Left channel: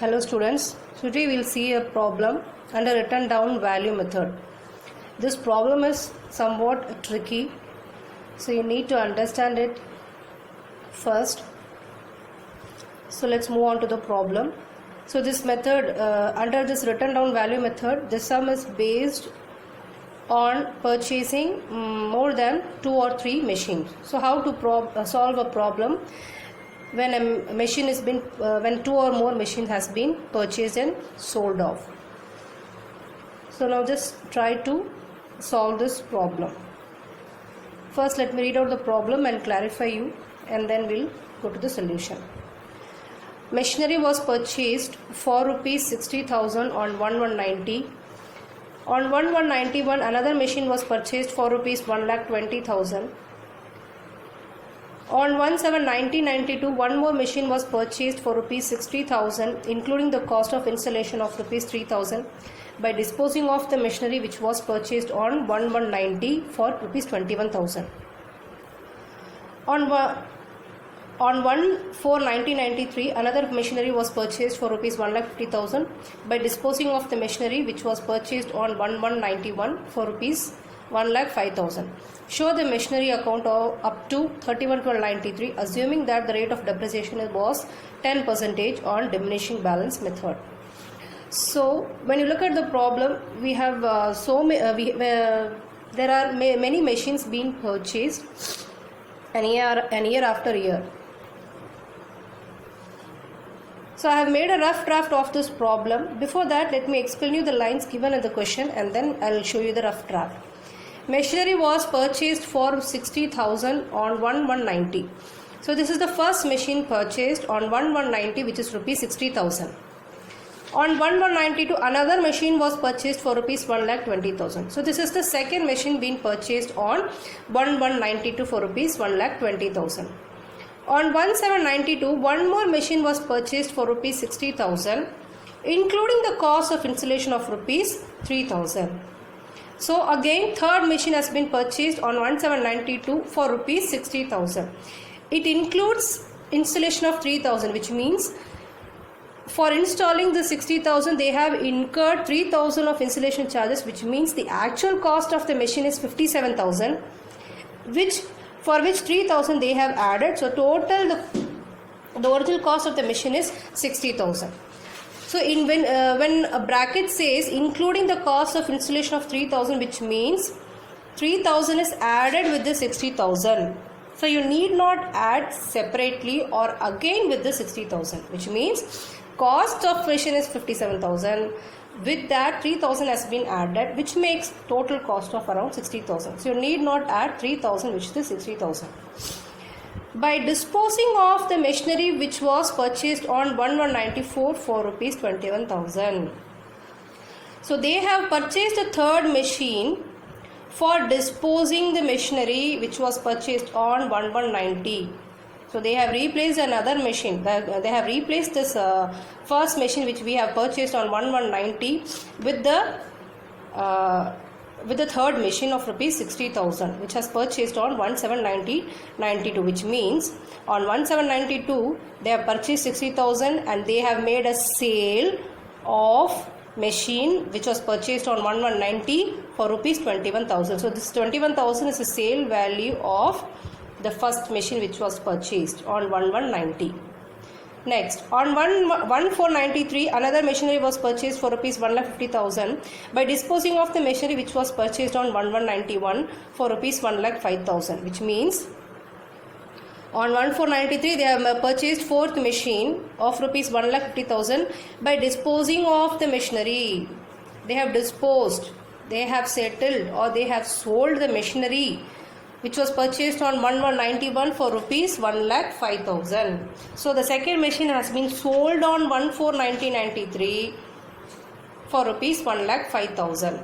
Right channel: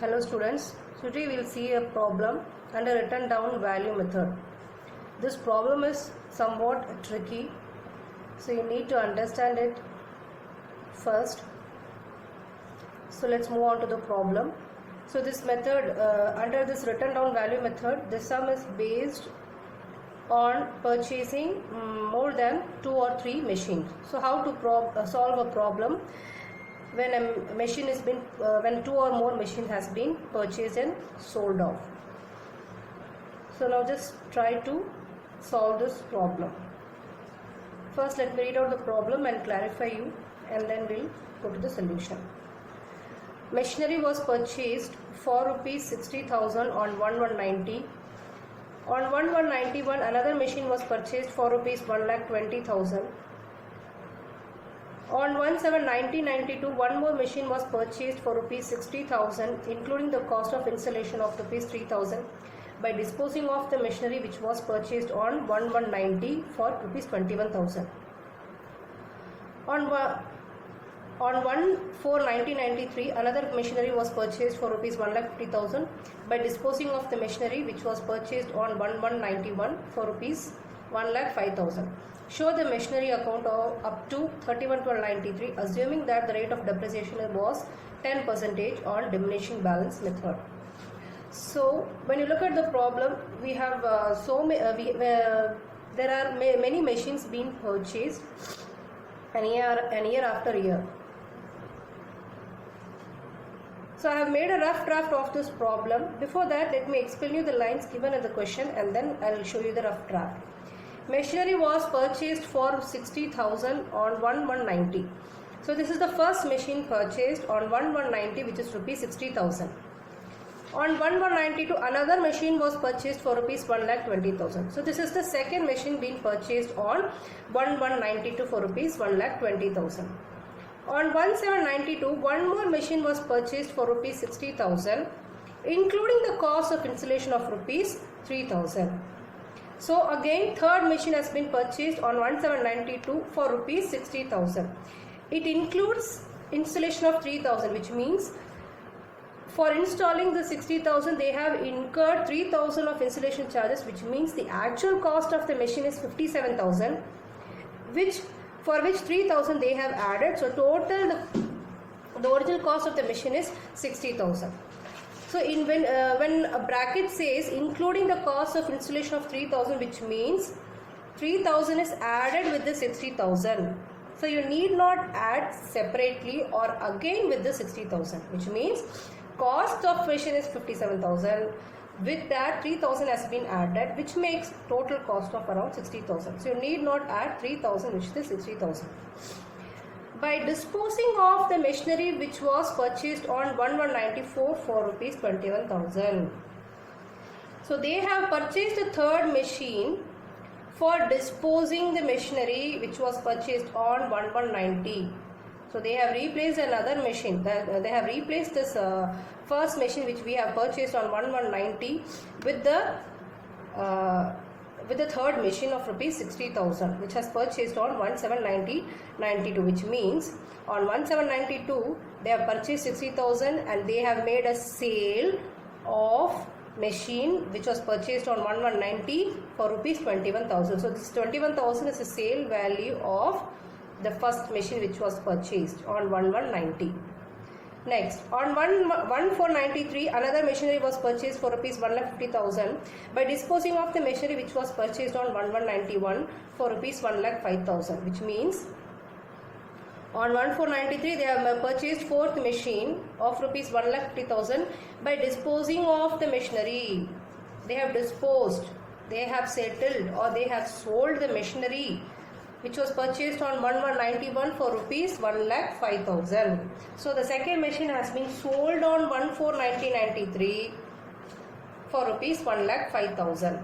Hello students, today we will see a problem under written down value method. This problem is somewhat tricky, so you need to understand it first. So let's move on to the problem. So this method, under this written down value method, the sum is based on purchasing more than 2 or 3 machines. So how to solve a problem when a machine is been when 2 or more machines has been purchased and sold off. So now just try to solve this problem. First let me read out the problem and clarify you, and then we'll go to the solution. Machinery was purchased for rupees 60,000 on 1190. On 1191 another machine was purchased for rupees 1,20,000. On 17/1992, one more machine was purchased for rupees 60,000, including the cost of installation of rupees 3,000, by disposing of the machinery which was purchased on 1190 for rupees 21,000. On 1/4/1993, another machinery was purchased for rupees 1,50,000, by disposing of the machinery which was purchased on 1191 for rupees 1,05,000. Show the machinery account up to 31/12/93, assuming that the rate of depreciation was 10% on diminishing balance method. So when you look at the problem, we have there are many machines being purchased year after year. So I have made a rough draft of this problem. Before that, let me explain you the lines given in the question, and then I will show you the rough draft. Machinery was purchased for 60,000 on 1190. So this is the first machine purchased on 1190, which is rupees 60,000. On 1192 another machine was purchased for rupees 1,20,000. So this is the second machine being purchased on 1192 for rupees 1,20,000. On 17/92 one more machine was purchased for rupees 60,000, including the cost of installation of rupees 3,000. So again third machine has been purchased on 17/92 for rupees 60,000. It includes installation of 3,000, which means for installing the 60,000 they have incurred 3,000 of installation charges, which means the actual cost of the machine is 57,000, for which 3,000 they have added. So total the original cost of the machine is 60,000. So when a bracket says including the cost of installation of 3,000, which means 3,000 is added with the 60,000. So you need not add separately or again with the 60,000, which means cost of machine is 57,000. With that 3,000 has been added, which makes total cost of around 60,000. So you need not add 3,000, which is 60,000. By disposing of the machinery which was purchased on 1194 for rupees 21,000. So they have purchased a third machine for disposing the machinery which was purchased on 1190. So they have replaced another machine. They have replaced this first machine which we have purchased on 1190 with the third machine of rupees 60,000, which has purchased on 17/92, which means on 17/92 they have purchased 60,000 and they have made a sale of machine which was purchased on 1190 for rupees 21,000. So this 21,000 is the sale value of the first machine which was purchased on 1190. Next, on 1/4/93 another machinery was purchased for rupees 1,50,000, by disposing of the machinery which was purchased on 1191 for rupees 1,05,000, which means on 1/4/93 they have purchased fourth machine of rupees 1,50,000. By disposing of the machinery, they have disposed, they have settled, or they have sold the machinery which was purchased on 1/191 for rupees 1,05,000. So the second machine has been sold on 1/4/1993 for rupees 1,05,000.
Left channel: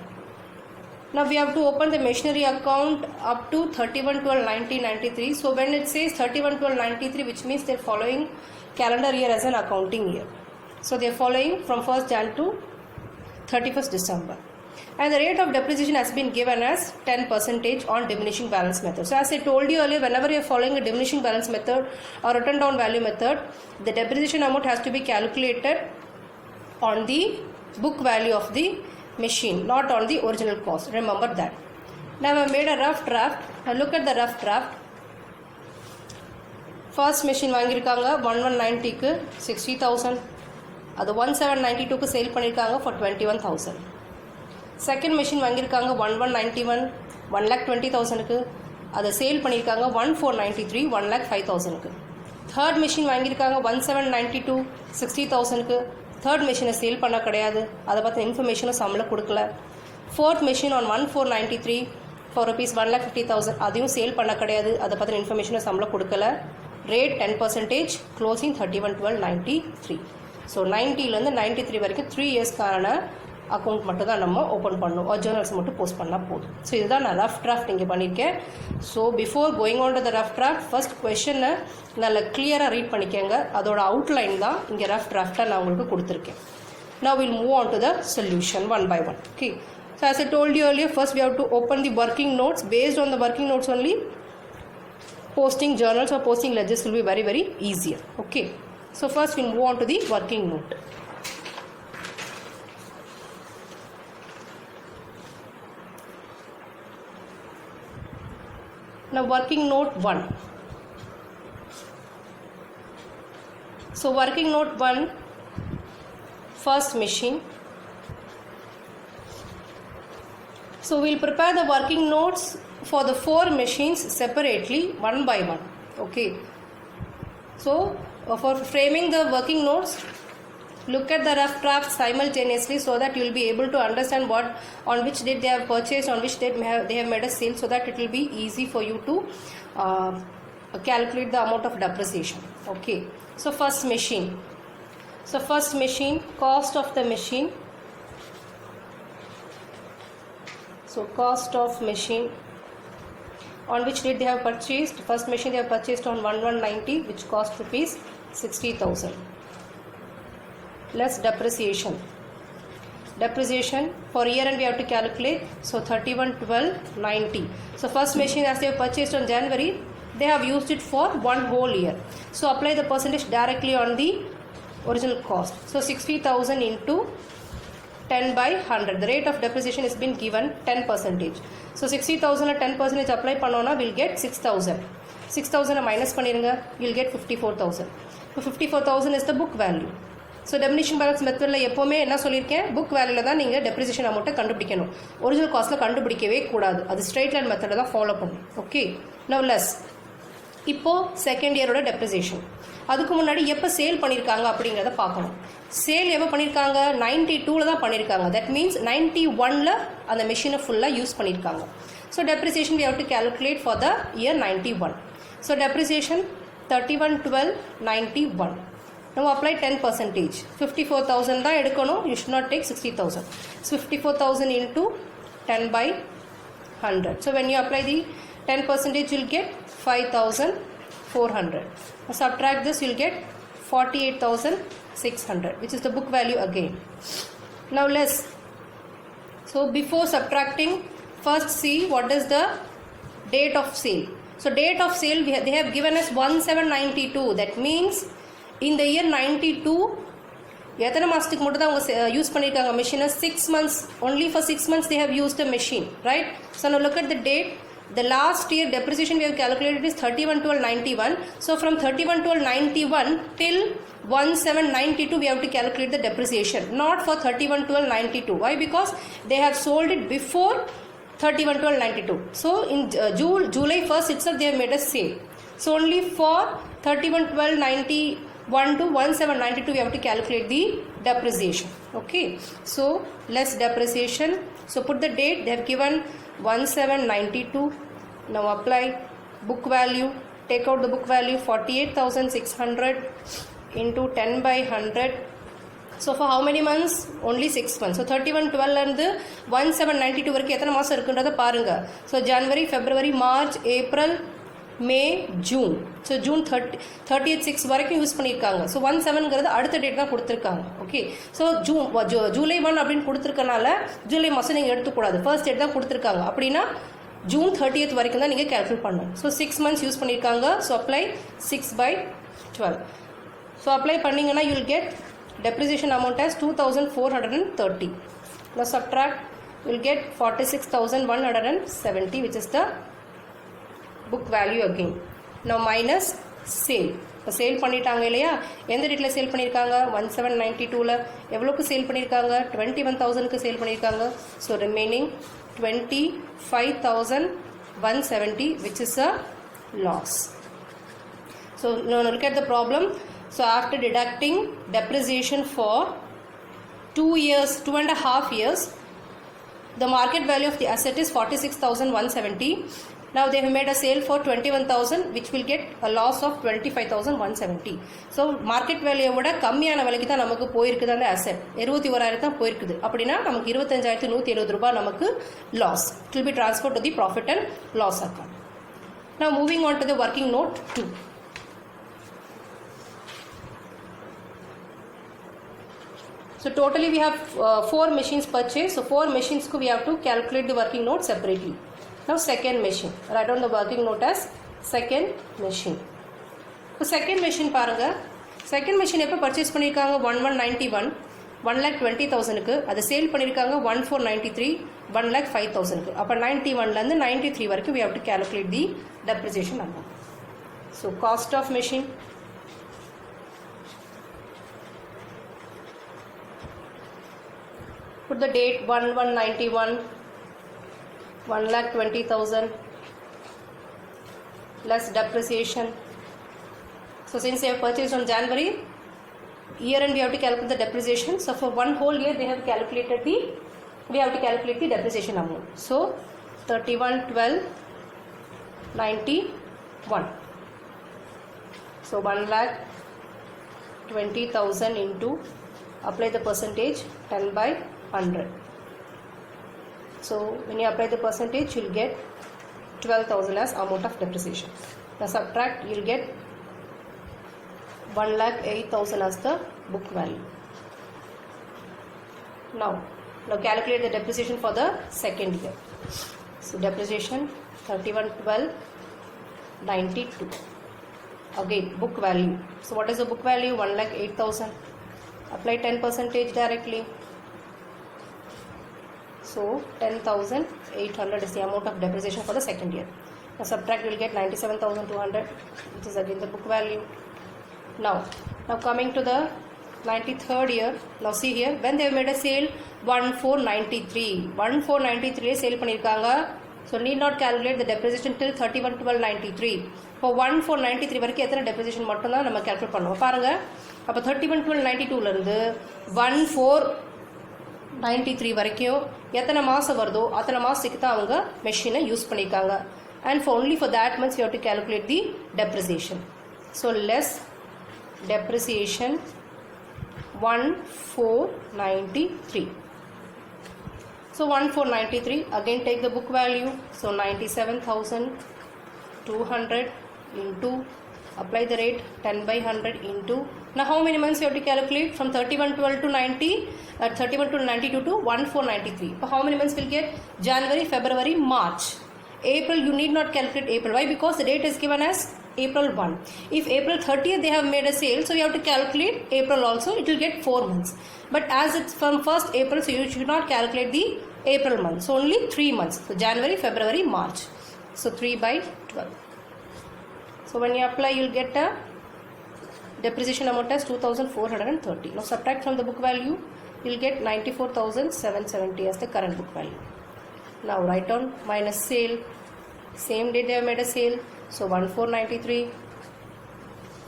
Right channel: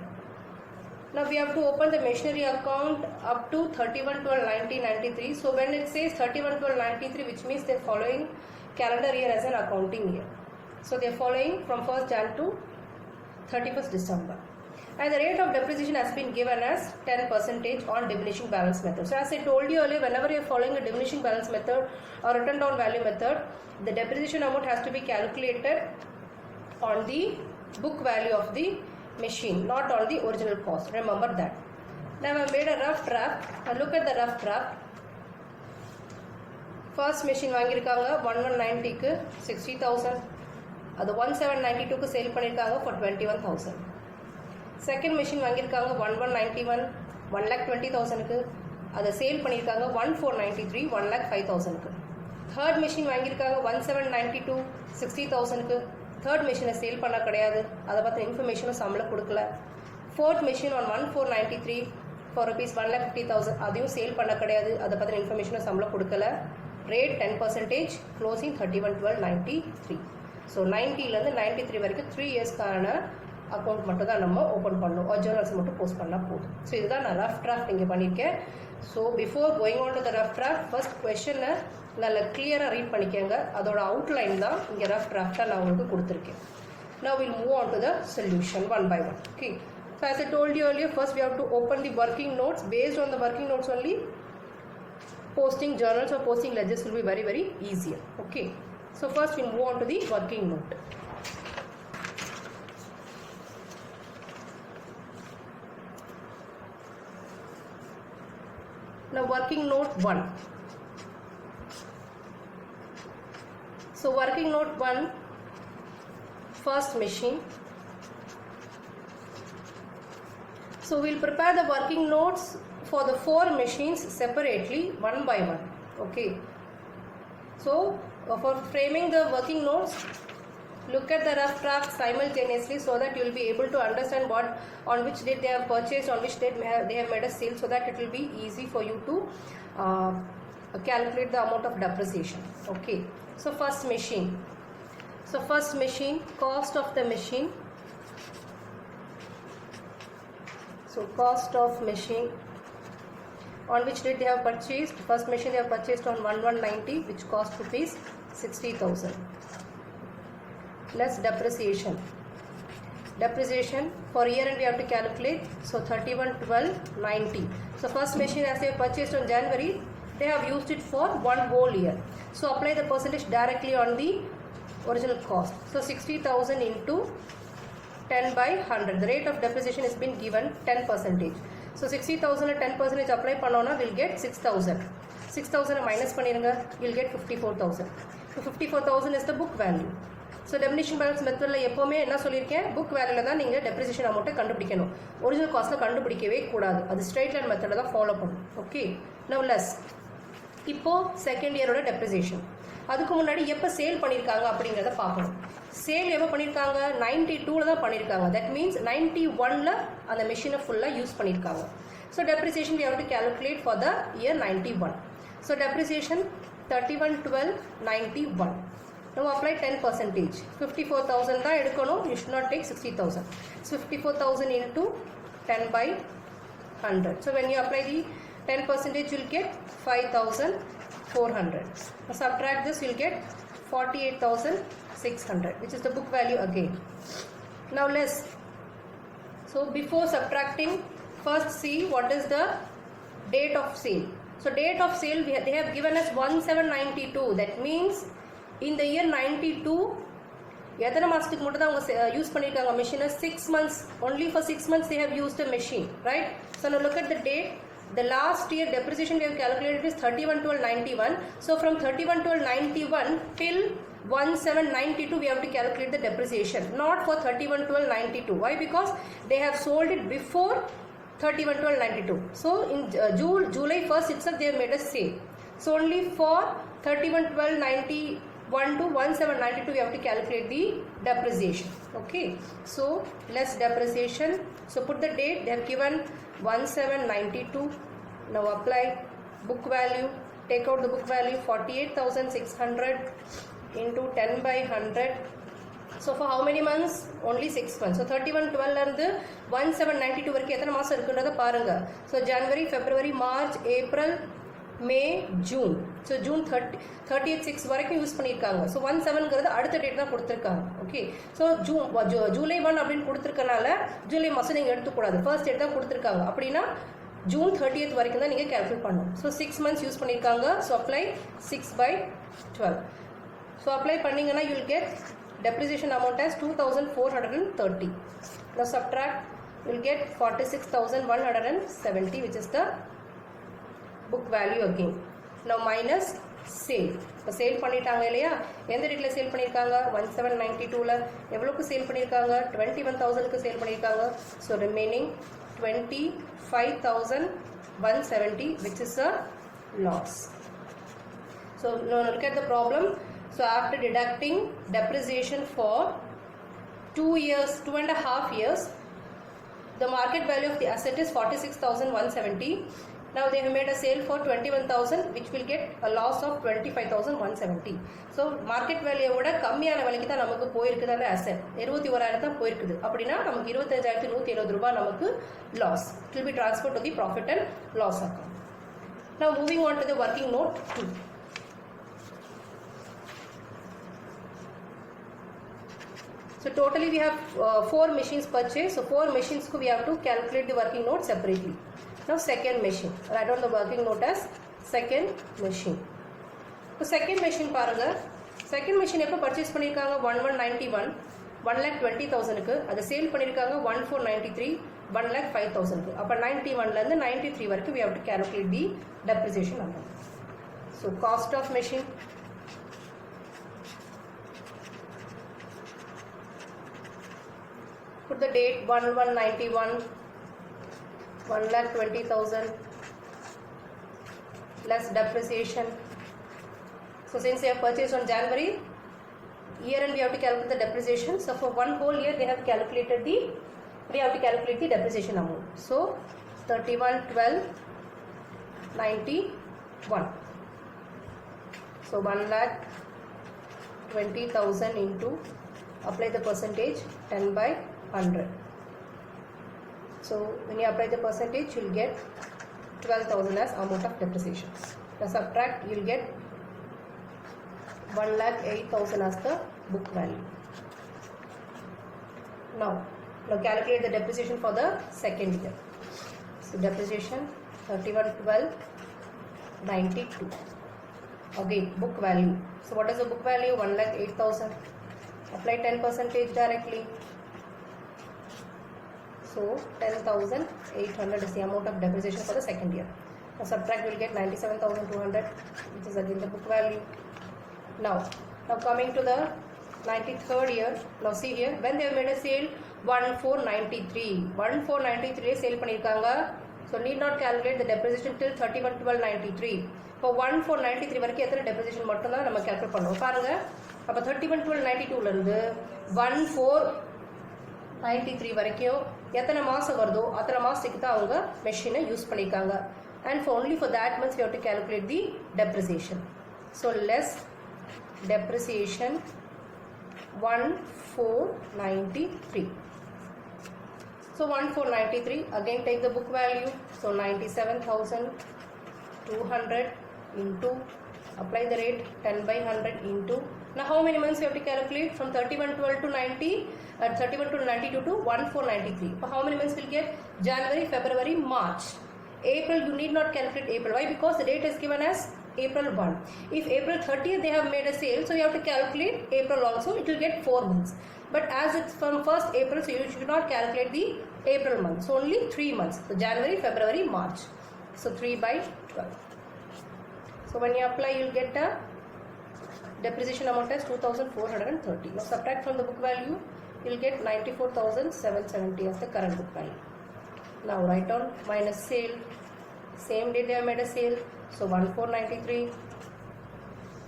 Now we have to open the machinery account up to 31/12/1993. So when it says 31/12/93, which means they are following calendar year as an accounting year. So they are following from 1st Jan to 31st December. And the rate of depreciation has been given as 10% on diminishing balance method. So as I told you earlier, whenever you are following a diminishing balance method or written down value method, the depreciation amount has to be calculated on the book value of the machine, not on the original cost. Remember that. Now I have made a rough draft. Now look at the rough draft. First machine வாங்கியிருக்காங்க 1190 க்கு 60,000. அது 1792 க்கு sale பண்ணியிருக்காங்க for 21,000. Second machine வாங்கியிருக்காங்க 1191 1,20,000 க்கு அதை sale பண்ணியிருக்காங்க 1493 1,05,000 க்கு. Third machine வாங்கியிருக்காங்க 1792 60,000 க்கு. Third machine சேல் பண்ண கிடையாது, அதை பற்றின இன்ஃபர்மேஷனும் சம்பளம் கொடுக்கல. Fourth machine on 1493 for rupees 1,50,000, அதையும் சேல் பண்ண கிடையாது, அதை பற்றின இன்ஃபர்மேஷனும் சம்பளம் கொடுக்கல. Rate 10%, closing 31/12/93. ஸோ 90லேருந்து 93 வரைக்கும் 3 இயர்ஸ்க்கான அக்கௌண்ட் மட்டும் தான் நம்ம ஓப்பன் பண்ணணும், ஜேர்னல்ஸ் மட்டும் போஸ்ட் பண்ணால் போதும். ஸோ இதுதான் நான் ரஃப் டிராஃப்ட் இங்கே பண்ணியிருக்கேன். So before going on to the rough draft, first கொஷனை நல்லா கிளியராக ரீட் பண்ணிக்கோங்க. அதோட அவுட்லைன் தான் இங்கே ரஃப் டிராஃப்டாக நான் உங்களுக்கு கொடுத்துருக்கேன். Now we'll move on to the solution one by one. Okay. So as I told you earlier, first we have to open the working notes. Based on the working notes only, posting journals or posting ledgers will be very, very easier. Okay. So first we'll move on to the working note. Now working note 1. So working note 1, first machine. So we'll prepare the working notes for the 4 machines separately, one by one. Okay. So for framing the working notes, look at the rough draft simultaneously so that you will be able to understand what on which date they have purchased, on which date they have made a sale, so that it will be easy for you to calculate the amount of depreciation. Okay. So first machine. So first machine, cost of the machine. So cost of machine, on which date they have purchased. First machine they have purchased on 1190, which cost rupees 60,000. Less depreciation. Depreciation for year end we have to calculate. So 31/12/90. So first machine as they have purchased on January, they have used it for one whole year. So apply the percentage directly on the original cost. So 60,000 into 10/100. The rate of depreciation has been given 10%. So 60,000 at 10% apply பண்ணோம்னா we'll get 6,000. 6,000 minus பண்ணிருங்க, you'll get 54,000. So 54,000 is the book value. So diminishing balance மெத்தடில் எப்போவுமே என்ன சொல்லியிருக்கேன், book வேல்யூவில் தான் நீங்கள் depreciation அமௌண்ட்டை கண்டுபிடிக்கணும், ஒரிஜினல் காஸ்ட்டில் கண்டுபிடிக்கவே கூடாது. அது ஸ்ட்ரெயிட் லைன் மெத்தடை தான் ஃபாலோ பண்ணும். ஓகே. நவ் லெஸ் இப்போது செகண்ட் இயரோட டெப்ரிசியேஷன். அதுக்கு முன்னாடி எப்போ சேல் பண்ணியிருக்காங்க அப்படிங்கிறத பார்க்கணும். சேல் எப்போ பண்ணியிருக்காங்க, 92ல் தான் பண்ணியிருக்காங்க. தட் மீன்ஸ் 91ல் அந்த மெஷினை ஃபுல்லாக யூஸ் பண்ணியிருக்காங்க. So depreciation we have to calculate for the year 91. So depreciation 31/12/91. Now apply 10%. 54,000 தான் எடுக்கணும், you should not take 60,000. So 54,000 into 10/100. So when you apply the 10%, you'll get 5,400. Now subtract this, you'll get 48,600, which is the book value again. Now less. So before subtracting, first see what is the date of sale. So date of sale they have given us 1792. That means in the year 92 எத்தனை மாதத்துக்கு மட்டும் தான் அவங்க use பண்ணியிருக்காங்க மெஷினை? 6 months. Only for 6 months they have used the machine, right? So now look at the date. The last year depreciation we have calculated is 31/12/91. So from 31/12/91 till 1792 we have to calculate the depreciation, not for 31/12/92. Why? Because they have sold it before 31/12/92. So in July 1st itself they have made a sale. So only for 31/12/91 to 1792 we have to calculate the depreciation. Okay. So less depreciation. So put the date. They have given 1792. Now apply book value. Take out the book value 48,600 into 10/100. So for how many months? Only 6 months. So 31/12 and 1792 வரைக்கும் எத்தனை மாதம் இருக்குன்றதை பாருங்க. So January, February, March, April, May, June. So June 30th 6 வரைக்கும் use பண்ணியிருக்காங்க. So 17ங்கிறது அடுத்த date தான் கொடுத்துருக்காங்க. ஓகே. ஸோ ஜூலை 1 அப்படின்னு கொடுத்துருக்கனால ஜூலை மாதம் நீங்கள் எடுத்துக்கூடாது, ஃபர்ஸ்ட் டேட் தான் கொடுத்துருக்காங்க. அப்படின்னா June 30th வரைக்கும் தான் நீங்கள் கேல்குலேட் பண்ணணும். ஸோ 6 months யூஸ் பண்ணியிருக்காங்க. So apply 6/12. ஸோ அப்ளை பண்ணிங்கன்னா you'll get depreciation amount as 2430. Now subtract, you will get 46,170, which is the book value again. Now minus sale. இப்போ சேல் பண்ணிட்டாங்க இல்லையா, எந்த ரேட்டில் சேல் பண்ணியிருக்காங்க, 1792ல் எவ்வளோக்கு சேல் பண்ணியிருக்காங்க, 21,000க்கு சேல் பண்ணியிருக்காங்க. So remaining 25,170, which is a loss. So now look at the problem. So after deducting depreciation for 2 years, 2.5 years, the market value of the asset is 46,170. Now they have made a sale for 21,000, which will get a loss of 25,170. So market value விட கம்மியான விலைக்கு தான் நமக்கு போயிருக்குது அந்த asset. 21,000 தான் போயிருக்குது. அப்படின்னா நமக்கு 25,170 ரூபாய் நமக்கு loss. It will be transferred to the profit and loss account. Now moving on to the working note 2. So totally we have 4 machines purchased. So 4 machines we have to calculate the working note separately. Now second machine, write down the working note as second machine. So second machine பாருங்க, second machine எப்போ purchase பண்ணியிருக்காங்க, 1191, 1,20,000க்கு, அதை sale பண்ணியிருக்காங்க 1493, 1,05,000க்கு. அப்போ 91லேருந்து 93 வரைக்கும் we have to calculate the depreciation amount. So cost of machine, put the date 1191, 1,20,000 less depreciation. So since they have purchased on January, year end we have to calculate the depreciation. So for one whole year we have to calculate the depreciation amount. So 31,12,91. So 1,20,000 into, apply the percentage 10 by 100. So when you apply the percentage, you will get 12,000 as amount of depreciation. Now subtract, you will get 1,08,000 as the book value. Now calculate the depreciation for the second year. So depreciation 31,12,92. Again book value. So what is the book value? 1,08,000. Apply 10% directly. So 10,800 is the amount of depreciation for the second year. Now subtract, you will get 97,200, which is again the book value. Now coming to the 93rd year. Now see here, when they have made a sale 1493 sale பண்ணிருக்காங்க. So need not calculate the depreciation till 31/12/93. For 1493 வரைக்கும் எத்தனை depreciation மட்டும் தான் நம்ம calculate பண்ணுவோம் பாருங்க. அப்ப 31/12/92ல இருந்து 1493 வரைக்கும் எத்தனை மாசம் வருதோ அத்தனை மாசத்துக்கு தான் அவங்க மெஷினை யூஸ் பண்ணிருக்காங்க. And for only for that months we have to calculate the depreciation. So less depreciation 1493. So 1493, again take the book value. So 97,200 into, apply the rate 10 by 100 into. Now how many months you have to calculate? From 31/12 to 90, 31 to 92 to 1493. So how many months will get? January, February, March. April, you need not calculate April. Why? Because the date is given as April 1. If April 30th they have made a sale, so you have to calculate April also. It will get 4 months. But as it's from 1st April, so you should not calculate the April month. So only 3 months. So January, February, March. So 3 by 12. So when you apply, you will get a depreciation amount as 2,430. Now subtract from the book value, you will get 94,770 as the current book value. Now write down minus sale. Same day they have made a sale. So 1493.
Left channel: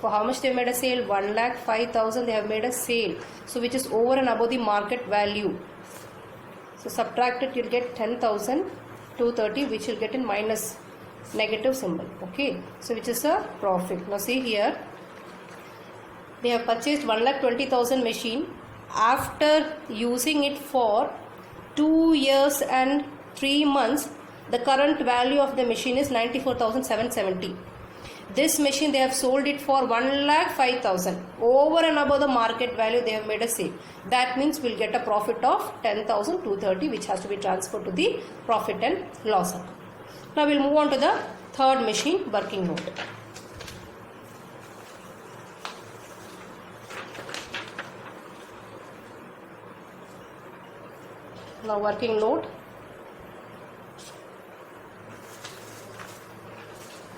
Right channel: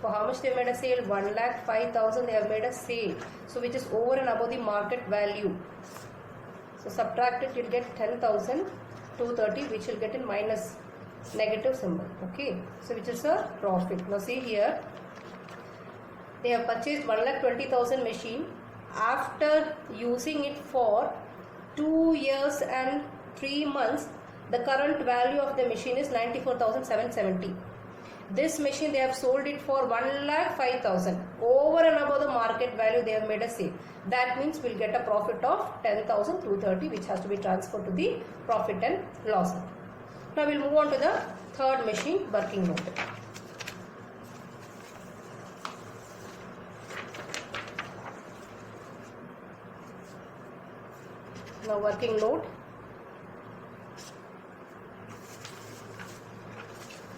For how much they have made a sale? 1,05,000 they have made a sale. So which is over and above the market value. So subtract it, you will get 10,230, which will get in minus negative symbol. Okay. So which is a profit. Now see here, they have purchased 1,20,000 machine. After using it for 2 years and 3 months, the current value of the machine is 94,770. This machine they have sold it for 1,05,000. Over and above the market value they have made a sale. That means we'll get a profit of 10,230, which has to be transferred to the profit and loss account. Now we'll move on to the third machine working note. Now working note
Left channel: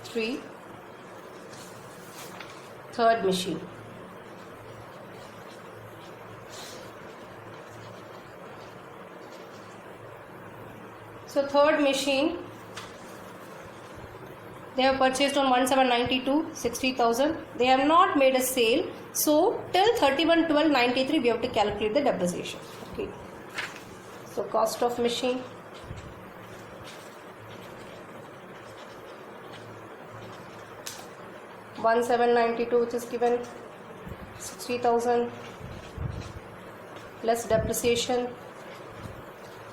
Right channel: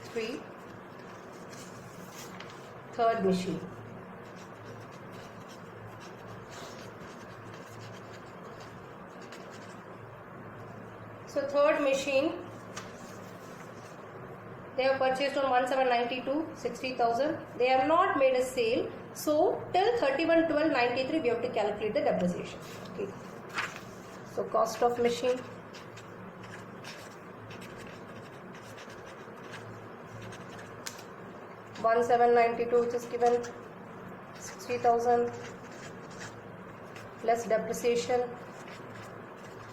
3, third machine. So third machine, they have purchased on 1792, 60,000. They have not made a sale. So till 31/12/93 we have to calculate the depreciation. Okay. So cost of machine, (1792), which is given 60,000 plus depreciation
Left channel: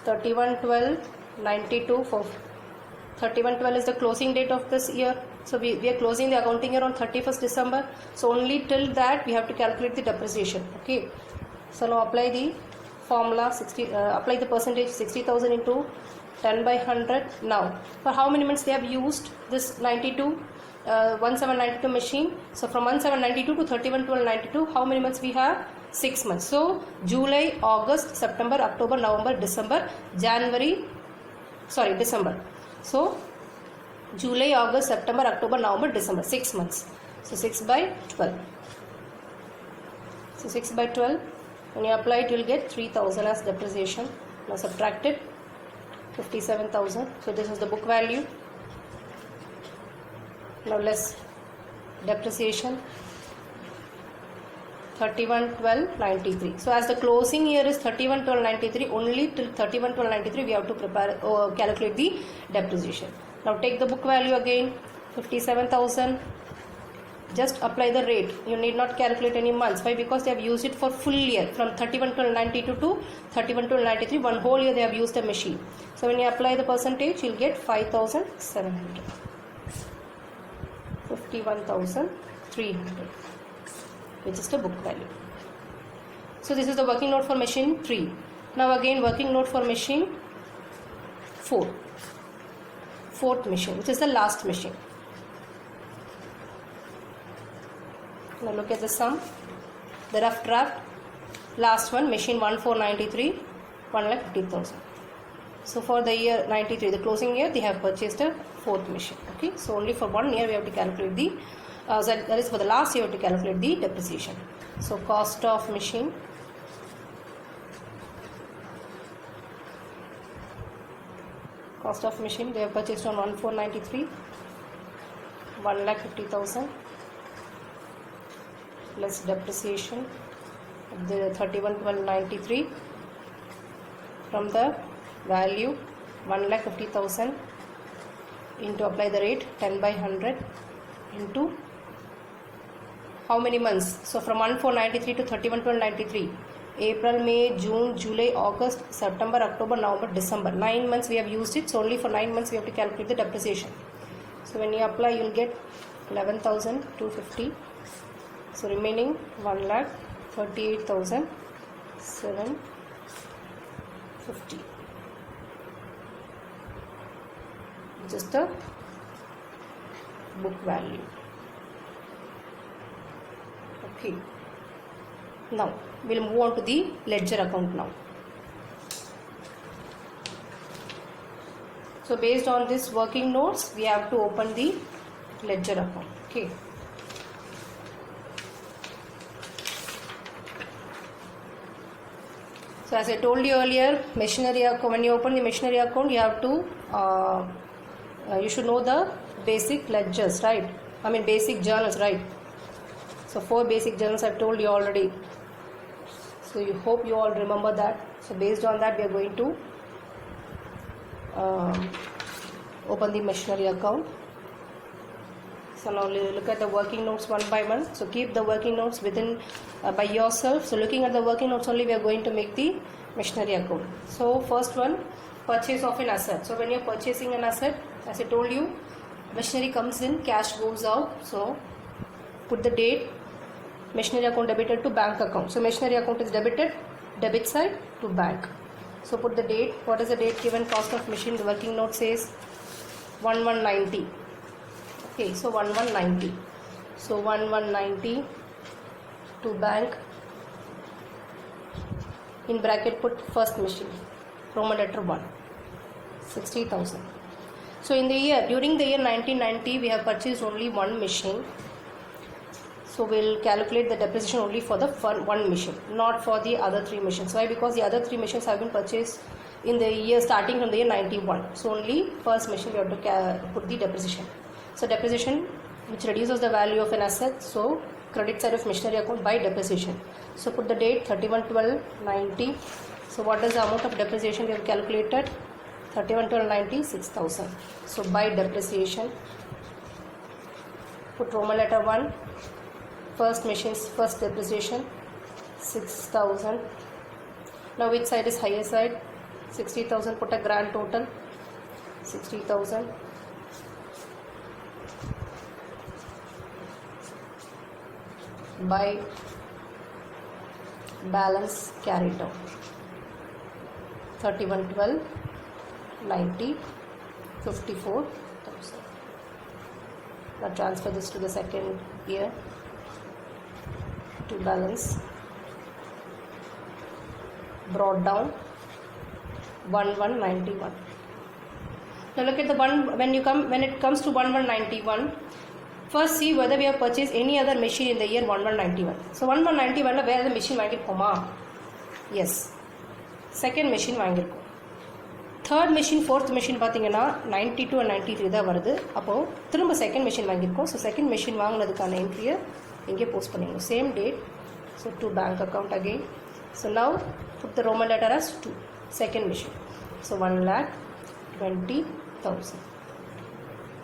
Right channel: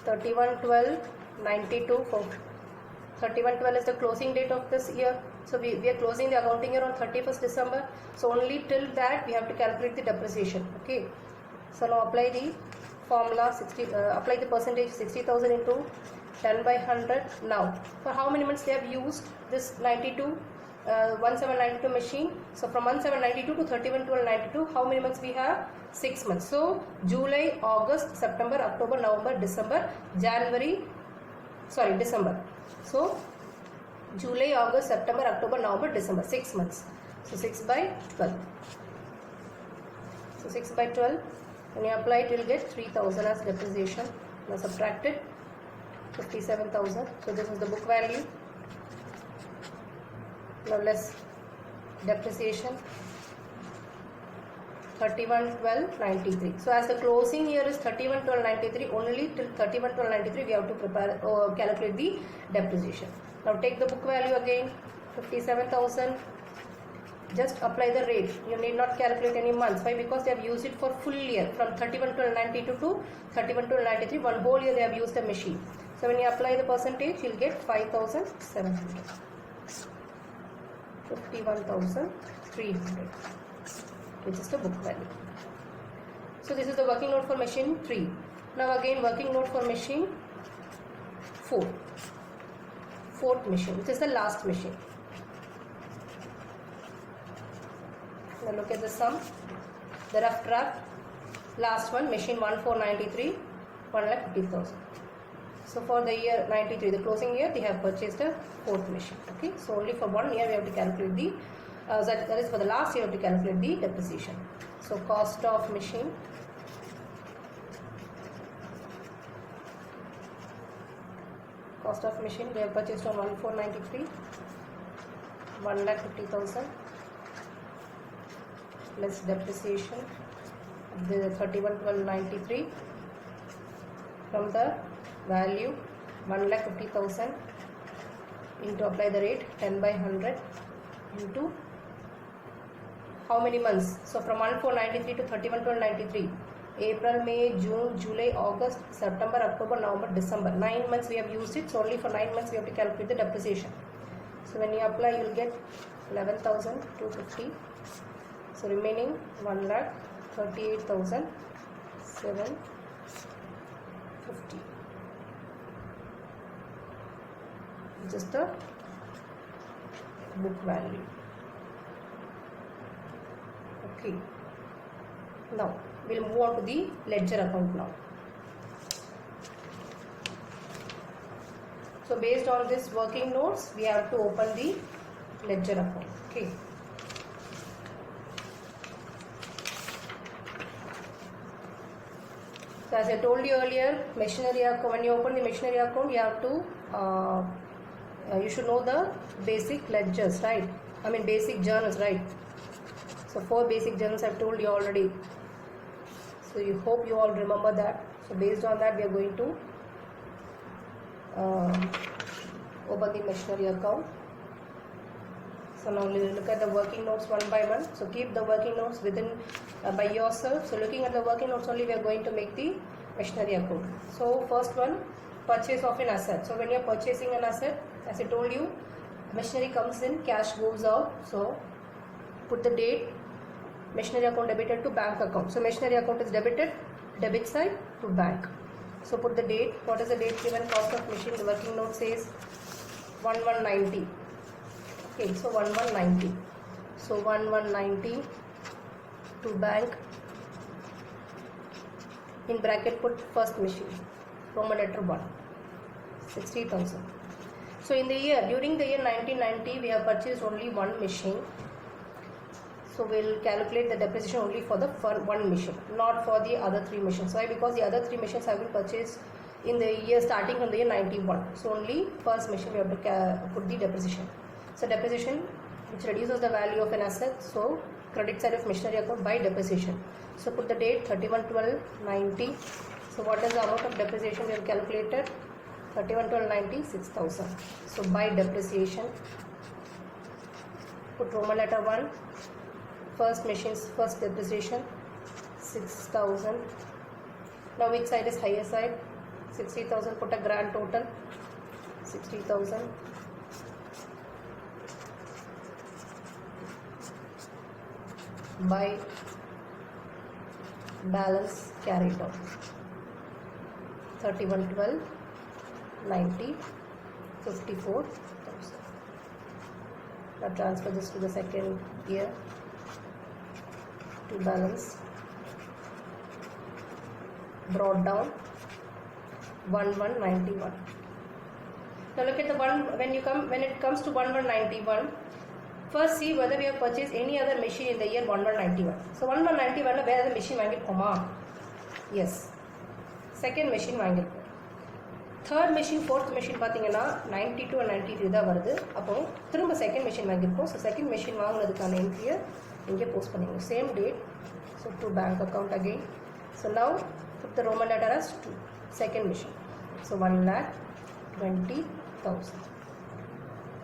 31/12/92. For 31/12 is the closing date of this year. So we are closing the accounting year on 31st December. So only till that we have to calculate the depreciation. Okay. So now apply the formula 60. Apply the percentage 60,000 into 10/100. Now for how many months they have used this 1792 machine? So from 1792 to 31/12/92, how many months we have? 6 months. So July, August, September, October, November, December, December. So July, August, September, October, November, December, 6 months. So 6/12. So 6/12, when you apply it, you will get 3,000 as depreciation. Now subtract it, 57,000. So this is the book value. Now less depreciation, 31/12/93. So as the closing year is 31/12/93, only till 31/12/93 we have to prepare calculate the depreciation. Now take the book value again, 57,000. Just apply the rate. You need not calculate any months. Why? Because they have used it for full year from 31/12/92 to 31/12/93. One whole year they have used the machine. So when you apply the percentage, you'll get 5,700. 51,300, which is the book value. So this is the working note for machine 3. Now again working note for machine 4. Fourth machine, which is the last machine. Now look at the sum, the rough draft. Last one, machine 1493, 1,50,000. So for the year 93, the closing year, they have purchased a fourth machine. Okay, so only for 1 year we have to calculate the that is for the last year we have to calculate the depreciation. So cost of machine, they have purchased on 1493, 1,50,000 plus depreciation of the 31/12/93 from the value 1,50,000 into, apply the rate 10/100 into how many months? So from 1493 to 31/12/93, April, May, June, July, August, September, October, November, December. 9 months we have used it. So only for 9 months we have to calculate the depreciation. So when you apply, you will get 11,250. So remaining 1,38,750. Just the book value. Okay. Now we'll move on to the ledger account now. So based on this working notes, we have to open the ledger account. Okay. So as I told you earlier, machinery account, when you open the machinery account, you have to you should know the basic ledgers, right? I mean basic journals, right? So 4 basic journals I've told you already. So you hope you all remember that. So based on that, we are going to open the machinery account. So now look at the working notes one by one. So keep the working notes within by yourself. So looking at the working notes only, we are going to make the machinery account. So first one, purchase of an asset. So when you are purchasing an asset, as I told you, machinery comes in, cash goes out. So put the date, machinery account debited to bank account. So machinery account is debited, debit side to bank. So put the date. What is the date given? Cost of machine. The working note says 1190. Okay, so 1190. So 1190 to bank. In bracket put first machine. Roman letter 1, 60,000. So during the year 1990, we have purchased only one machine. So we'll calculate the depreciation only for the one machine, not for the other three machines. Why? Because the other three machines have been purchased in the year starting from the year 91. So only first machine we have to put the depreciation. So depreciation, which reduces the value of an asset. So credit side of machinery account by depreciation. So put the date 31/12/90. So what is the amount of depreciation we have calculated? 31/12/90, 6,000. So by depreciation, put Roman letter 1. First machine's first depreciation 6,000. Now which side is higher side? 60,000. Put a grand total 60,000. By balance carried down 31/12/90, 54,000. Now transfer this to the second year. To balance brought down 1191. Now look at the one when it comes to 1191. First see whether we have purchased any other machine in the year 1191. So 1191 where the machine வாங்கிருக்கோமா? Yes. Second machine வாங்கிருக்கோம். Third machine, fourth machine பார்த்தீங்கன்னா 92 and 93 தான் வருது. அப்போ திரும்ப second machine வாங்கிருக்கோம். So second machine வாங்குனதுக்கான என்ட்ரியை இங்கே post பண்ணிக்கணும். Same date. So to bank account again. So now put the Roman letter as 2. Second machine. So 1,20,000.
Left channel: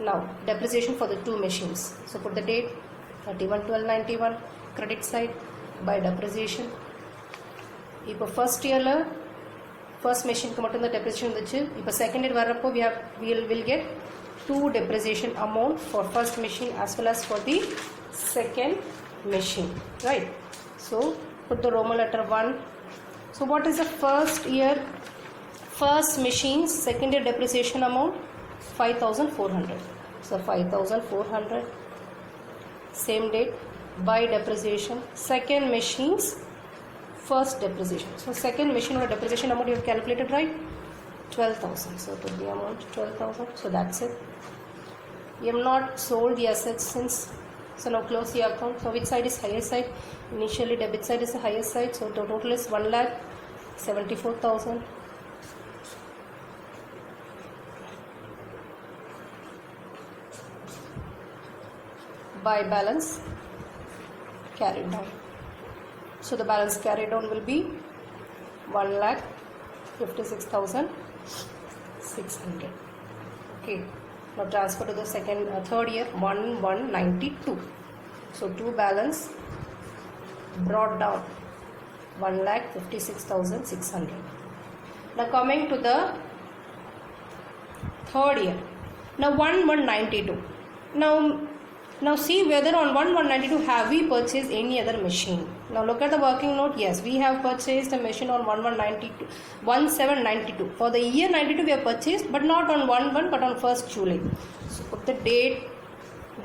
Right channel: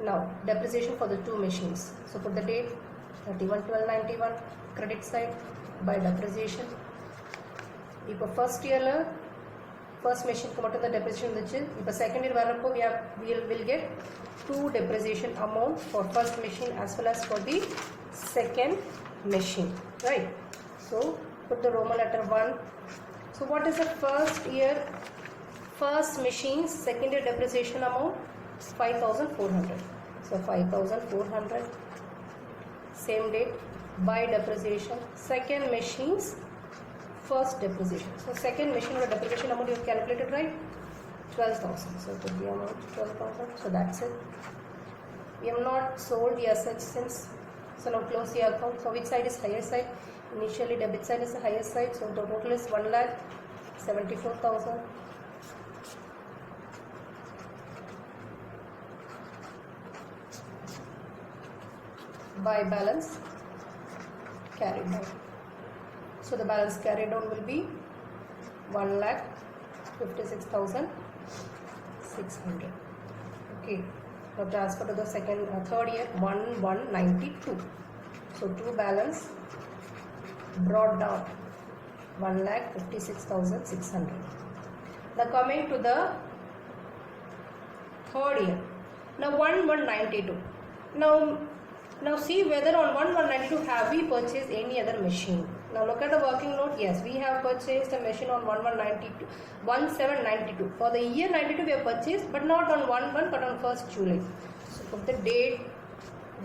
Now depreciation for the two machines. So put the date 31/12/91. Credit side by depreciation. இப்போ first yearல first machineக்கு மட்டும் தான் depreciation இருந்துச்சு. இப்போ second year வரப்போ we'll get two depreciation amount for first machine as well as for the second machine, right? So put the Roman letter 1. So what is the first year first machine's second year depreciation amount? 5,400. So 5,400. Same date by depreciation. Second machine's first depreciation. So second machine depreciation amount you have calculated, right? 12,000. So put the amount 12,000. So that's it. You have not sold the assets since. So now close the account. So which side is higher side? Initially debit side is the higher side. So the total is 1,74,000. By balance carried down. So the balance carried down will be 1,56,600. Okay. Now transfer to the third year 1,192. So to balance brought down 1,56,600. Now coming to the third year. Now 1,192. Now see whether on 1,192 have we purchased any other machine. Now look at the working note. Yes, we have purchased a machine on 1,792. For the year 92 we have purchased, but not on 1/1 but on 1st July. So put the date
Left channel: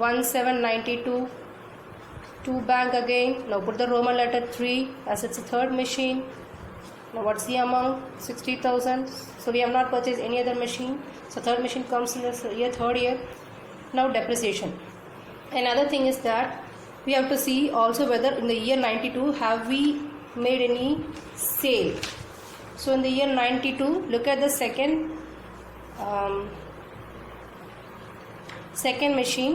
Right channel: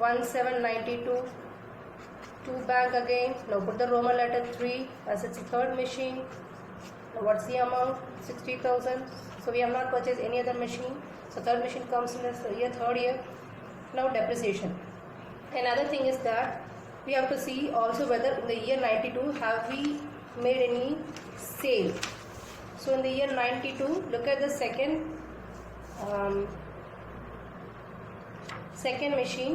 1,792 to bank again. Now put the Roman letter 3 as it's a third machine. Now what's the amount? 60,000. So we have not purchased any other machine. So third machine comes in this year, third year. Now depreciation. Another thing is that we have to see also whether in the year 92 have we made any sale. So in the year 92, look at the second machine.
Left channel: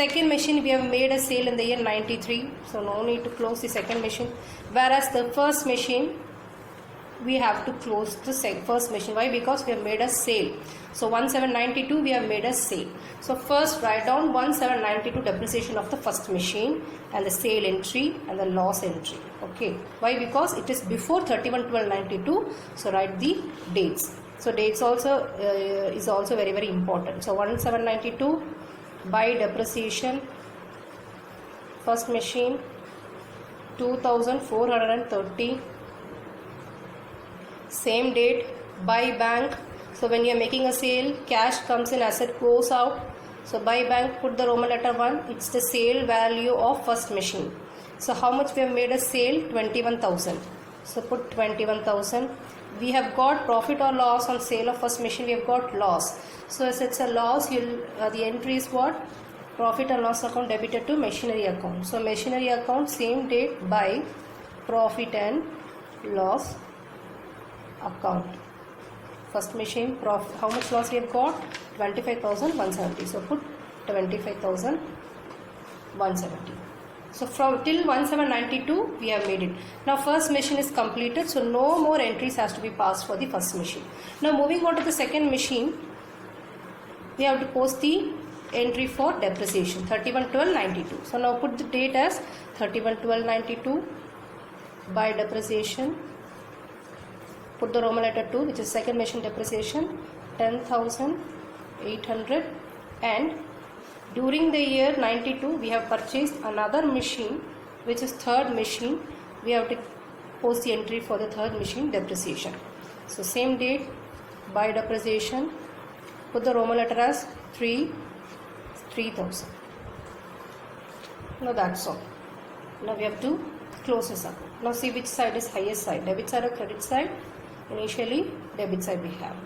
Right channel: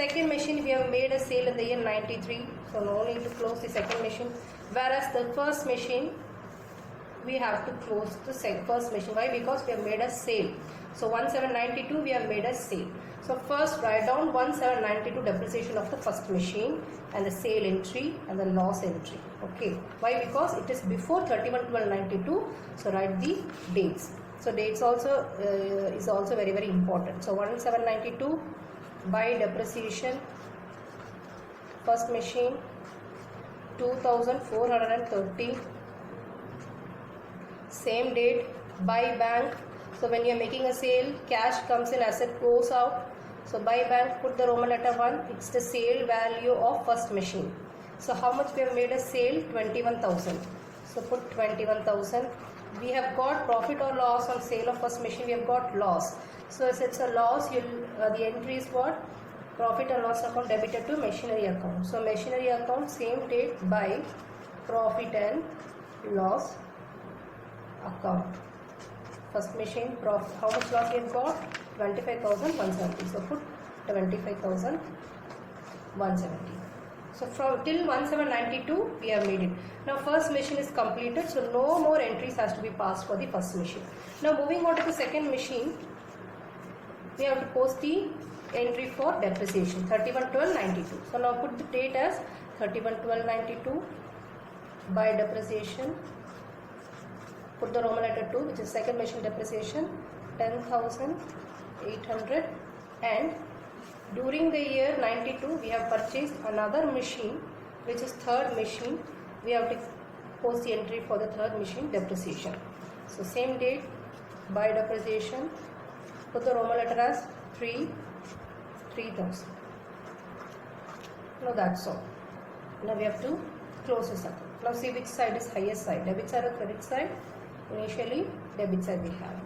Second machine we have made a sale in the year 93. So no need to close the second machine. Whereas the first machine we have to close the first machine. Why? Because we have made a sale. So 1,792 we have made a sale. So first write down 1,792 depreciation of the first machine and the sale entry and the loss entry. Okay. Why? Because it is before 31/12/92. So write the dates. So dates also is also very, very important. So 1,792 by depreciation first machine 2,430. Same date by bank. So when you are making a sale, cash comes in, asset goes out. So by bank, put the Roman letter 1. It's the sale value of first machine. So how much we have made a sale? 21,000. So put 21,000 we have got profit or loss on sale of first machine. We have got loss. So as it's a loss, the entry is what? Profit and loss account debited to machinery account. So machinery account, same date by profit and loss account. First machine, profit. How much loss we have got? 25,170. So put 25,170. So from till 1792 we have made it. Now first machine is completed, so no more entries has to be passed for the first machine. Now moving on to the second machine, we have to post the entry for depreciation 31/12/92. So now put the date as 31/12/92 by depreciation. Put the Roman letter 2, which is second machine depreciation 10,800, and during the year 92 we have purchased another machine, which is third machine. We have to post the entry for the third machine depreciation. So same date by depreciation. Put the Roman letter as 3,000. Now that's all. Now we have to close this account. Now see which side is highest side, debit side or credit side. Initially debit side we have.